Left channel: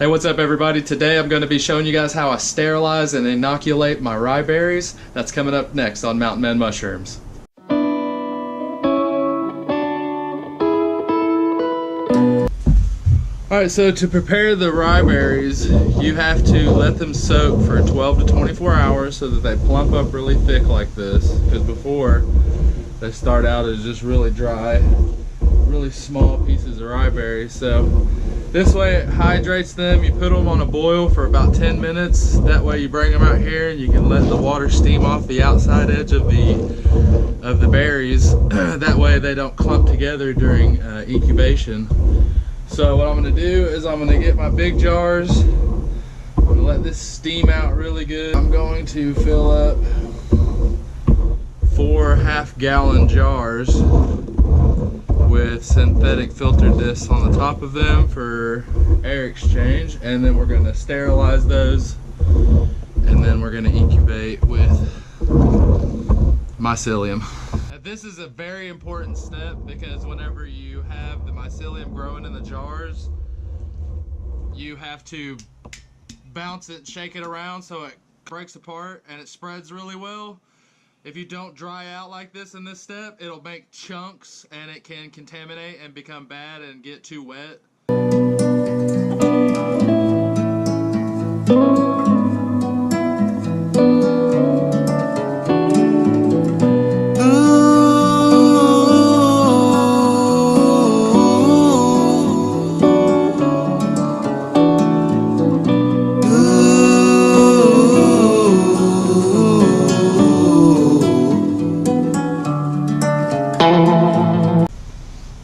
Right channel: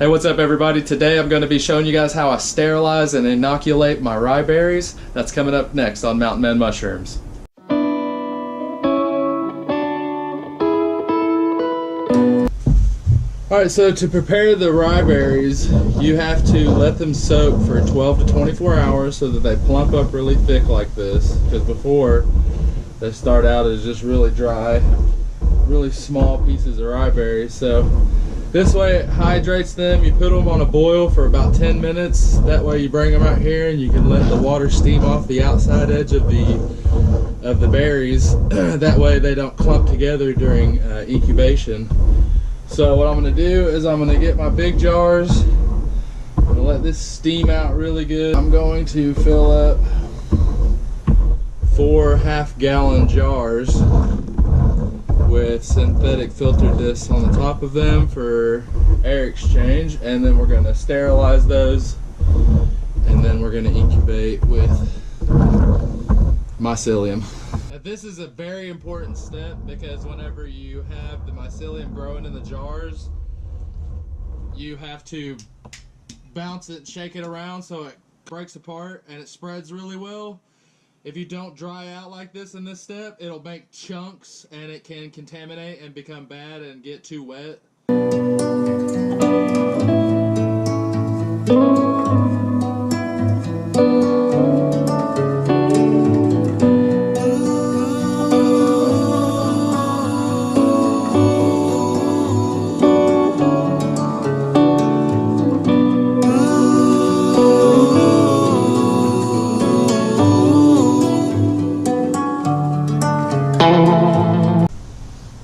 Hey, what's up everybody? Today I'm going to be showing you guys how I sterilize and inoculate my rye berries. That's coming up next on Mountain Man Mushrooms. Alright, so to prepare the rye berries, you have to let them soak for 12 to 24 hours so that they plump up really thick like this. Because before, they start out as just really dry, really small pieces of rye berries. So this way it hydrates them. You put them on a boil for about 10 minutes. That way you bring them out here and you can let the water steam off the outside edge of the berries. That way they don't clump together during incubation. So what I'm going to do is I'm going to get my big jars. I'm going to let this steam out really good. I'm going to fill up 4 half-gallon jars with synthetic filter discs on the top of them for air exchange, and then we're going to sterilize those, and then we're going to incubate with mycelium. This is a very important step because whenever you have the mycelium growing in the jars, you have to bounce it and shake it around so it breaks apart and it spreads really well. If you don't dry out like this in this step, it'll make chunks and it can contaminate and become bad and get too wet.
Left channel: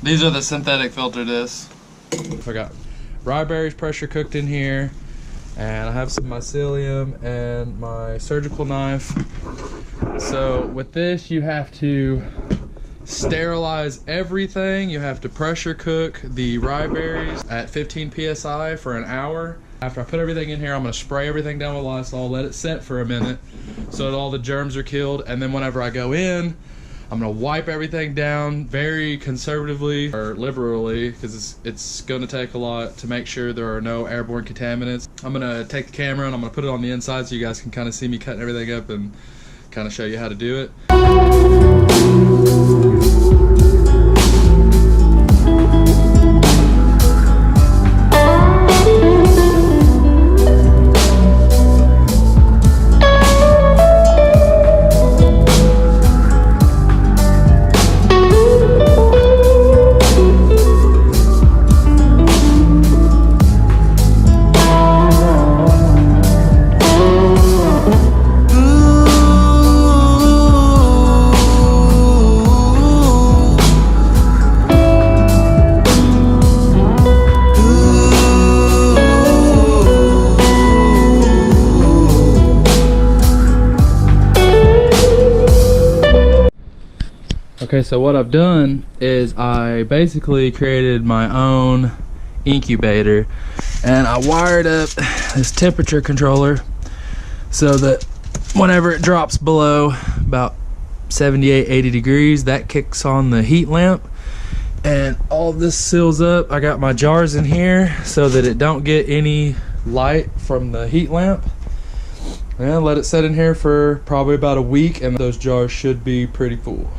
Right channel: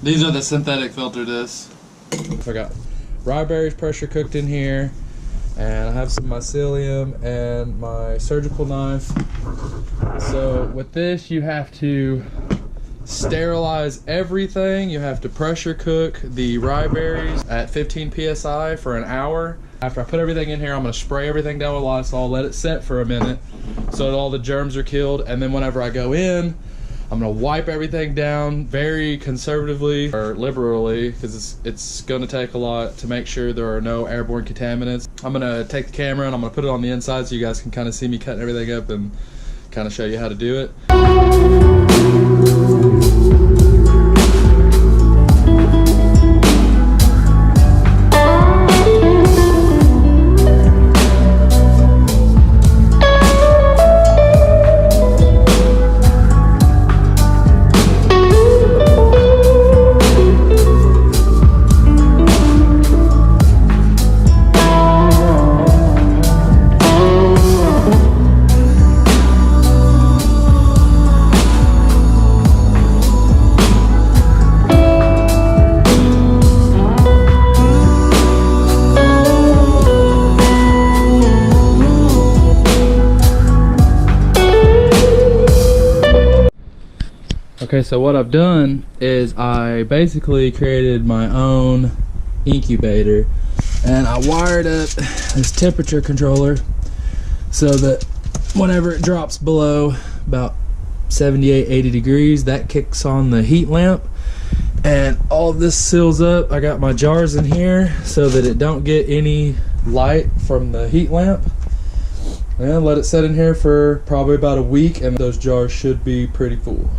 These are the synthetic filter discs. I got rye berries pressure cooked in here, and I have some mycelium and my surgical knife. So with this, you have to sterilize everything. You have to pressure cook the rye berries at 15 psi for an hour. After I put everything in here, I'm going to spray everything down with Lysol, let it set for a minute so that all the germs are killed, and then whenever I go in, I'm going to wipe everything down very conservatively or liberally because it's going to take a lot to make sure there are no airborne contaminants. I'm going to take the camera and I'm going to put it on the inside so you guys can kind of see me cutting everything up and kind of show you how to do it. Okay, so what I've done is I basically created my own incubator, and I wired up this temperature controller so that whenever it drops below about 78-80 degrees, that kicks on the heat lamp, and all of this seals up. I got my jars in here so that it don't get any light from the heat lamp, and let it set in here for probably about a week, and those jars should be pretty full.